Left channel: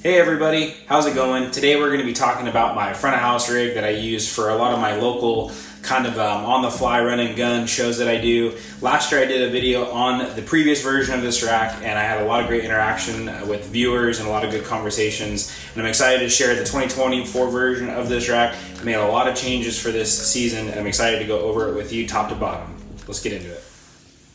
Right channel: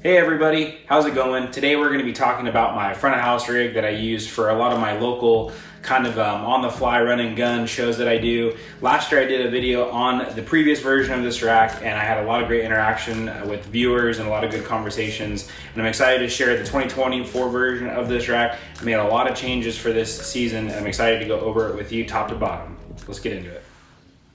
Hey everybody, how's it going? Today we're going to be talking about my front of house rig that I use for a lot of my local kind of on the fly run and gun shows that I do. Last year I did a video on the previous version of this rack and I had a lot of great interaction with viewers and a lot of good conversations, and I'm excited to share the 2024 version of this rack. I made a lot of changes for this season and I'm excited to go over it with you top to bottom. Let's get into it.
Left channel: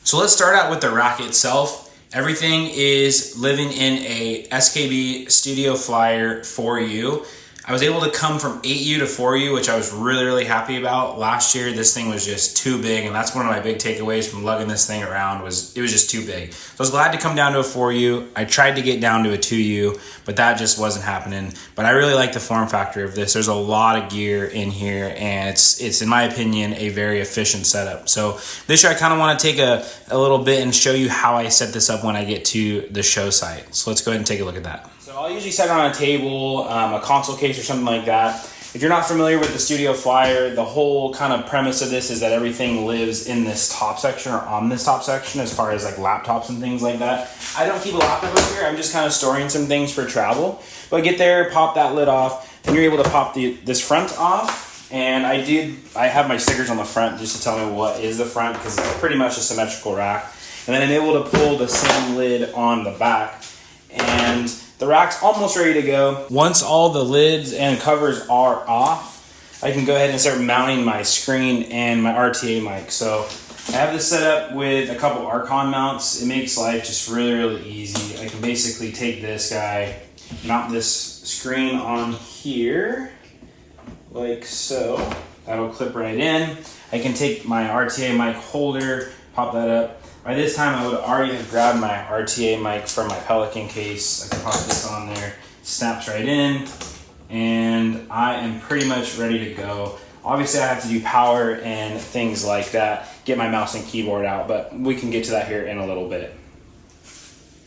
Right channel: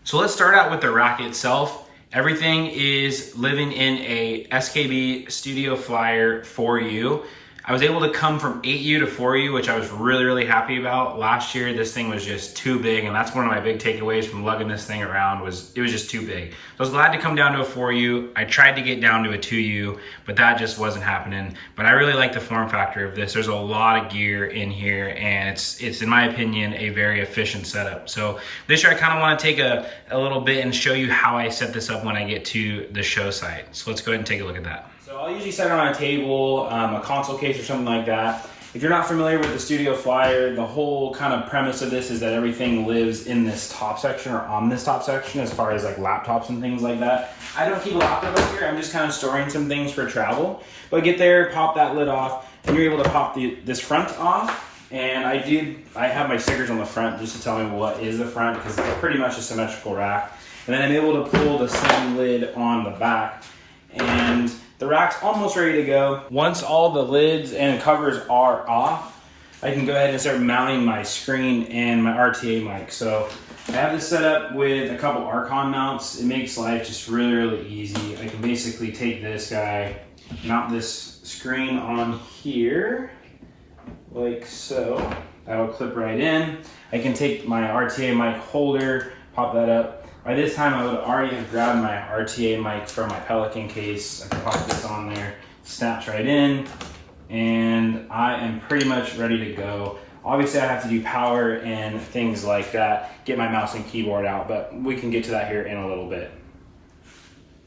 So let's start out with the rack itself. Everything is living in a SKB Studio Flyer 4U. I was able to come from 8U to 4U, which I was really happy about. Last year, this thing was just too big, and that's one of my big takeaways from lugging this thing around was it was just too big. So I was glad to come down to a 4U. I tried to get down to a 2U, but that just wasn't happening. But I really like the form factor of this. There's a lot of gear in here, and it's in my opinion, a very efficient setup. So this year, I kind of want to take a little bit and show you how I set this up when I get to the show site. So let's go ahead and take a look at that. So I'll usually set it on a table, a console case or something like that. If you're not familiar with the Studio Flyer, the whole kind of premise of this is that everything lives in this top section or on this top section as far as like laptops and things like that. I don't keep a laptop over here, I'm just kind of storing some things for travel. But get there, pop that lid off, and you're able to pop this front off. And I have my stickers on the front just to tell me what is the front because it's pretty much a symmetrical rack. And then I'm able to pull the same lid on the back. And the rack's almost ready to go. Once all the lids and covers are off, I can go ahead and start mounting my screen and my RTA mic. So I have this set up with a couple Archon mounts. It makes life just really easy. I can basically take this guy, mount this screen on here, like so. That'll clip right in. I can take my RTA mic holder, pop that up. By this time, I would already have grabbed my RTA mic from my Pelican case. I can pop this on there, snaps right in, and I am pretty much ready to go. Obviously, I have to do power and things like that, get my mouse and keyboard out, but we can get to that here in a little bit.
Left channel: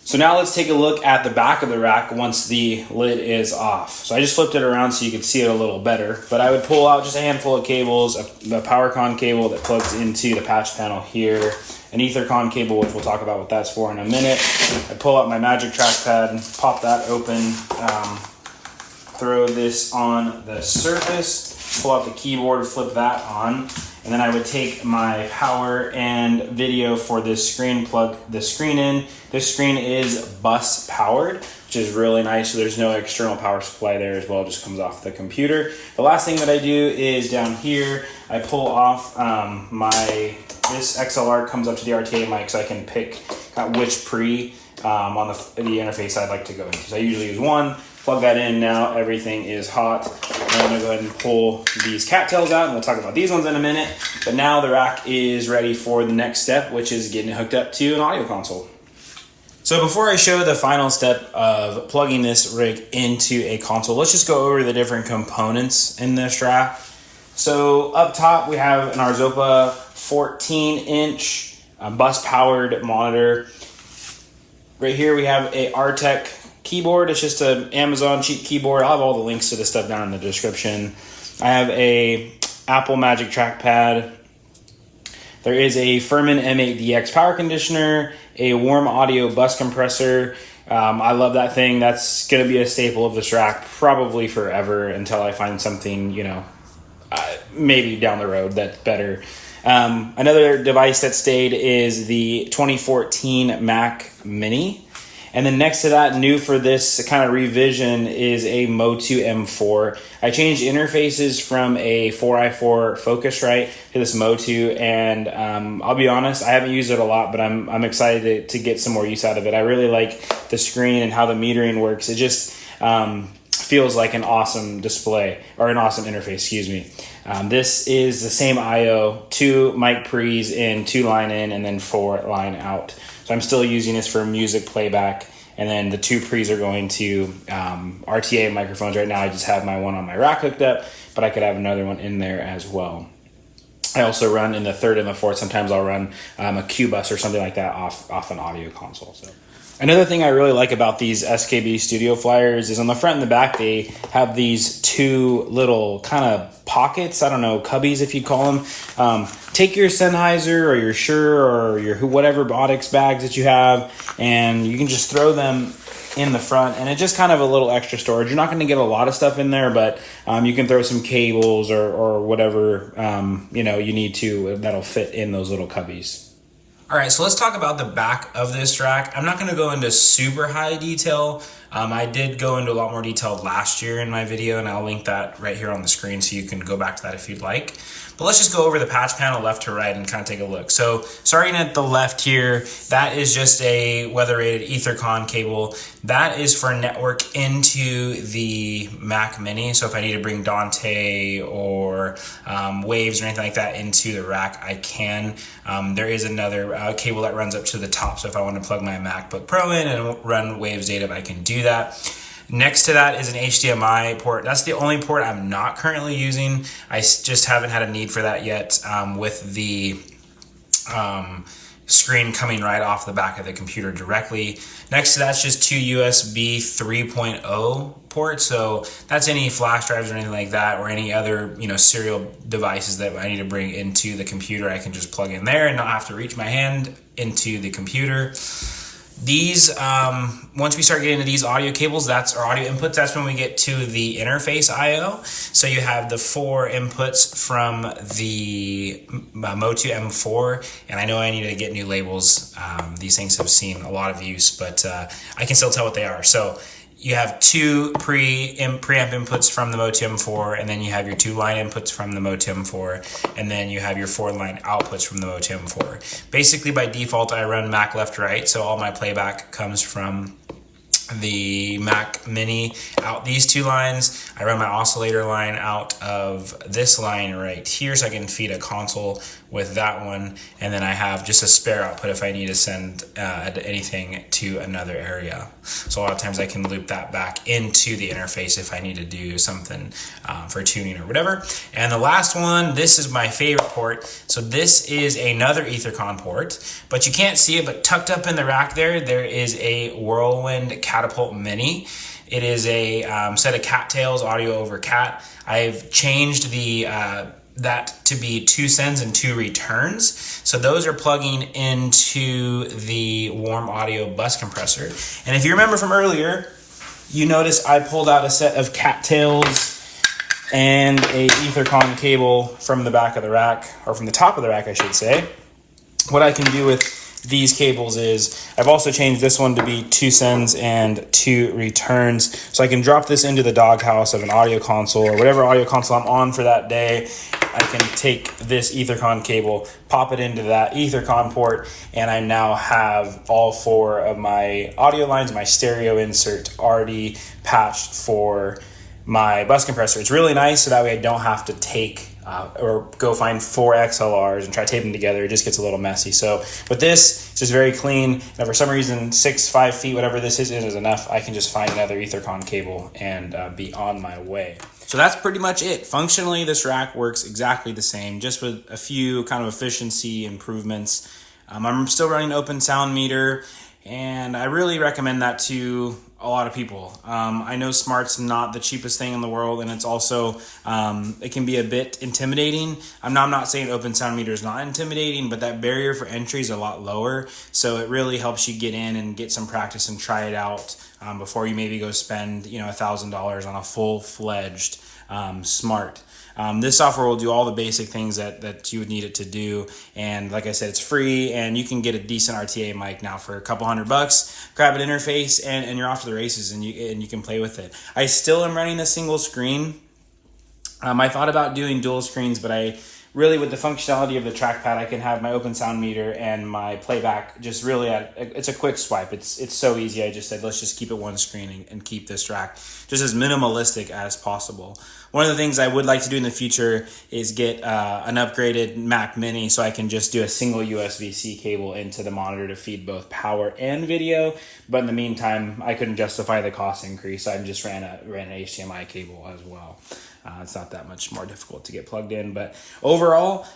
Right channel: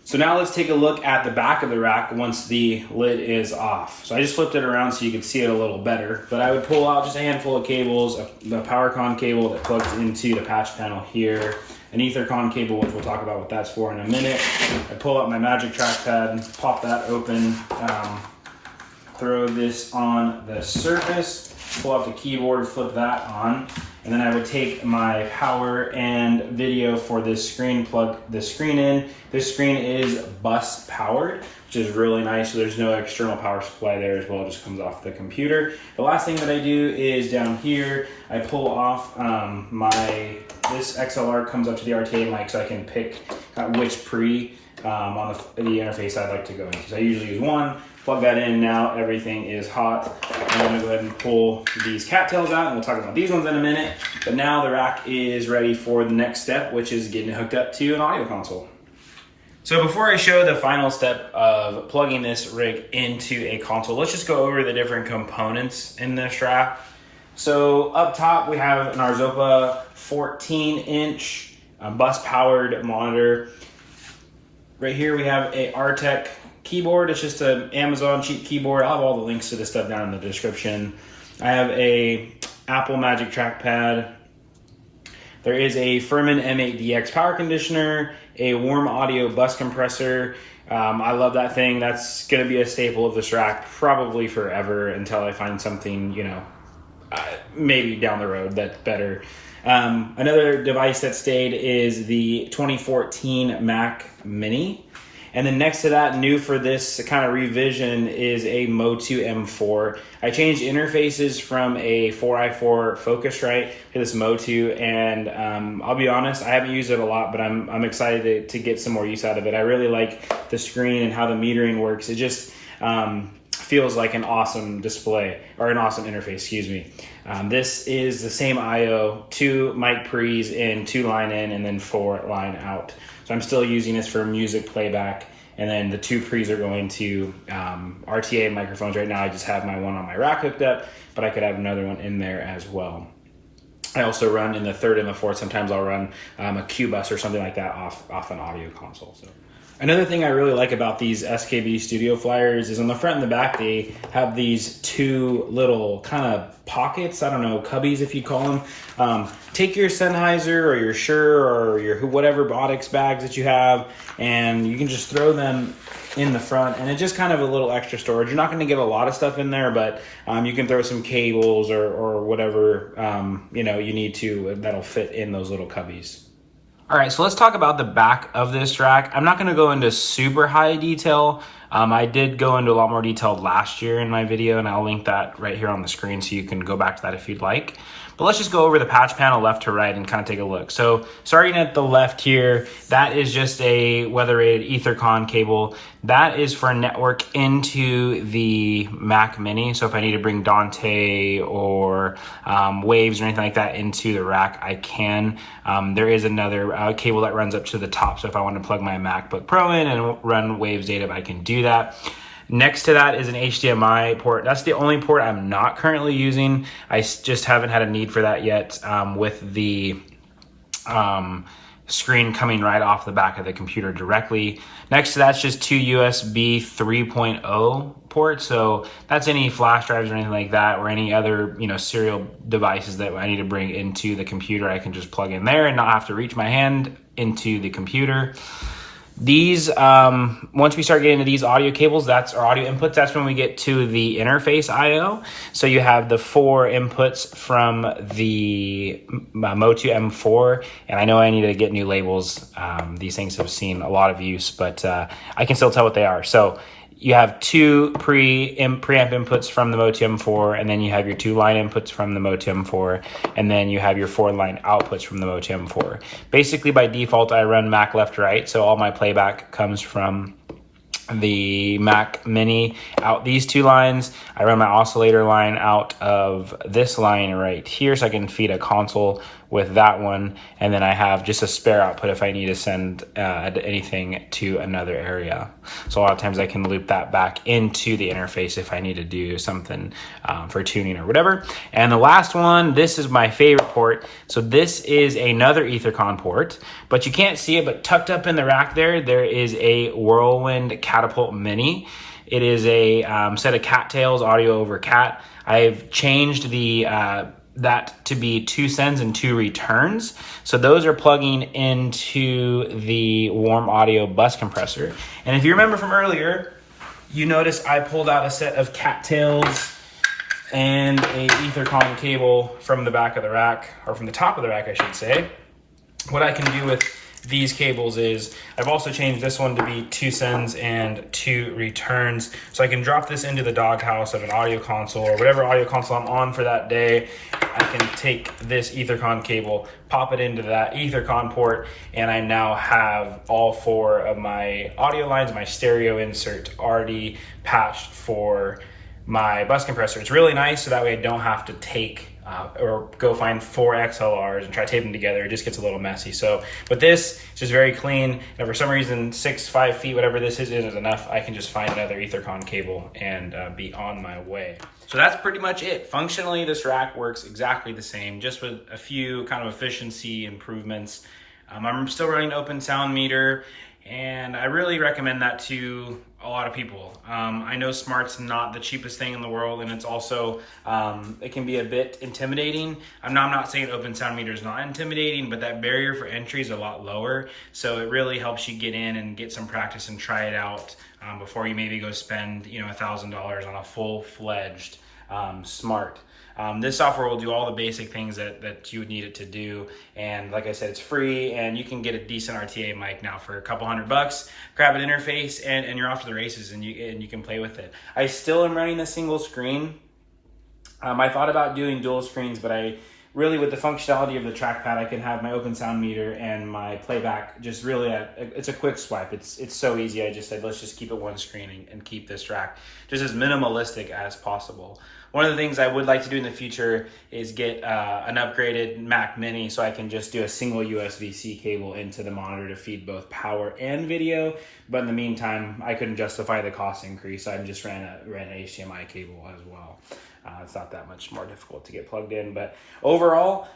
So now let's take a look at the back of the rack once the lid is off. So I just flipped it around so you could see it a little better, but I would pull out just a handful of cables, the PowerCon cable that plugs into the patch panel here, an EtherCon cable, which we'll talk about what that's for in a minute. I pull out my Magic Trackpad, pop that open, throw this on the surface, pull out the keyboard, flip that on, and then I would take my power and video for this screen, plug the screen in. This screen is bus powered, which is really nice, so there's no external power supply there as well, it just comes off the computer. The last thing that I do is down here, I pull off this XLR comes up to the RTA mic so I can pick which pre on the interface I'd like to go into. So I usually use one, plug that in, now everything is hot. I'm gonna go ahead and pull these cattails out and we'll talk about these ones in a minute. But now the rack is ready for the next step, which is getting it hooked up to an audio console. So before I show the final step of plugging this rig into a console, let's just go over the different components in this rack. So up top we have an Arzopa 14-inch bus-powered monitor. Right here we have a Artec keyboard. It's just an Amazon cheap keyboard. I'll have all the links to this stuff down in the description. I have a Apple Magic Trackpad. There is a Furman M8DX power conditioner, a warm audio bus compressor. I love that thing. That's going to be a staple of this rack probably forever until I find something, maybe down the road that's better. Another device that stayed is the 2014 Mac Mini. And then next to that, new for this kind of revision is a Motu M4. I changed interfaces from a 4x4 Focusrite to this Motu, and I'll be honest, I haven't used it a lot, but I'm excited to get some more use out of it. I really like the screen and how the metering works. It just feels like an awesome display, or an awesome interface, excuse me. This is the same IO, 2 mic pre's in, 2 line in, and then 4 line out. So I'm still using this for music playback, and then the 2 pre's are going to RTA microphones. Right now I just have my one on my rack hooked up, but I could have another one in there as well. I also run in the 3rd and the 4th. Sometimes I'll run a Cubbies or something like that off an audio console. So Another thing I really like about these SKB Studio Flyers is on the front and the back, they have these two little kind of pockets. I don't know, cubbies if you call them. Take your Sennheiser or your Shure or your whatever Botix bags that you have, and you can just throw them in the front, and it's just kind of a little extra storage. You're not going to get a lot of stuff in there, but you can throw some cables or whatever you need to that'll fit in those little cubbies. All right, so let's talk about the back of this rack. I'm not going to go into super high detail. I did go into a lot more detail last year in my video, and I'll link that right here on the screen so you can go back to that if you'd like. But let's just go over the patch panel left to right and kind of take a look. So starting at the left here, that is just a weather-rated Ethercon cable. That is for network into the Mac Mini. So if I need to bring Dante or Waves or anything like that into the rack, I can. There is another cable that runs up to the top. So if I want to plug my MacBook Pro in and run Waves data, I can do that. Next to that is an HDMI port. That's the only port I'm not currently using. I just haven't had a need for that yet with the screen coming right off the back of the computer directly. Next to that's just two USB 3.0 ports. So that's any flash drives or anything like that, or any other serial devices that I need to bring into the computer. I can just plug in there and not have to reach my hand into the computer. These, once we start getting to these audio cables, our audio inputs, that's when we get to the interface IO. So you have the 4 inputs from the Motu M4, and I know I need to get new labels. These things have seen a lot of use, but I can still tell what they are. So you have 2 preamp inputs from the Motu M4, and then you have your 2 line inputs from the Motu M4, and then you have your 4 line outputs from the Motu M4. Basically, by default, I run Mac left right, so all my playback comes from the Mac Mini out these 2 lines. I run my oscillator line out of this line right here, so I can feed a console with that one, and then I have just a spare output if I need to send anything to another area. So a lot of times I can loop that back into the interface if I need to do something for tuning or whatever. And the last one, this is my favorite port. So this is another Ethercon port, but you can't see it, but tucked up in the rack there is a Whirlwind Catapult Mini. It is a set of Cattails audio over Cat. I've changed the that to be 2 sends and 2 returns. So those are plugging into the warm audio bus compressor. And if you remember from earlier, you notice I pulled out a set of Cattails and a Ethercon cable from the back of the rack, or from the top of the rack, I should say. What I can do with these cables is I've also changed this one to be 2 sends and 2 returns. So I can drop this into the doghouse of an audio console or whatever audio console I'm on for that day. I can take this Ethercon cable, pop it into that Ethercon port, and I now have all 4 of my audio lines, my stereo insert already patched for my bus compressor. It's really nice, so that way I don't have to take or go find 4 XLRs and try to tape them together. It just gets a little messy. So with this, it's just very clean. And for some reason, 5 feet, whatever this is enough. I can just find another Ethercon cable and be on my way. So that's pretty much it. Functionally, this rack works exactly the same, just with a few kind of efficiency improvements. I'm still running open sound meter, and I really recommend that to a lot of people. I know smart's not the cheapest thing in the world, and it's also, it can be a bit intimidating. I'm not saying open sound meter is not intimidating, but that barrier for entry is a lot lower. So it really helps you get in and get some practice and try it out before you maybe go spend $1,000 on a full-fledged smart. This software will do all the basic things that you would need it to do, and like I said, it's free, and you can get a decent RTA mic now for a couple $100. Grab an interface, and you're off to the races, and you can play with it. I still am running the single screen. I thought about doing dual screens, but I really, with the functionality of the trackpad, I can have my open sound meter and my playback just really it's a quick swipe. It's so easy. I just said, let's just keep it one screen and keep this track just as minimalistic as possible. One of the things I would like to do in the future is get an upgraded Mac Mini so I can just do a single USB-C cable into the monitor to feed both power and video. But in the meantime, I couldn't justify the cost increase, so I just ran an HDMI cable as well. It's not that much more difficult to get plugged in, but overall,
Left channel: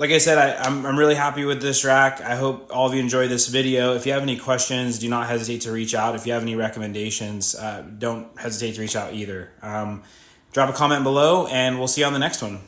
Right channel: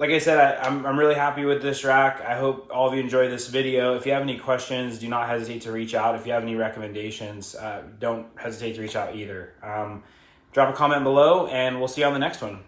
like I said, I'm really happy with this rack. I hope all of you enjoy this video. If you have any questions, do not hesitate to reach out. If you have any recommendations, don't hesitate to reach out either. Drop a comment below, and we'll see you on the next one.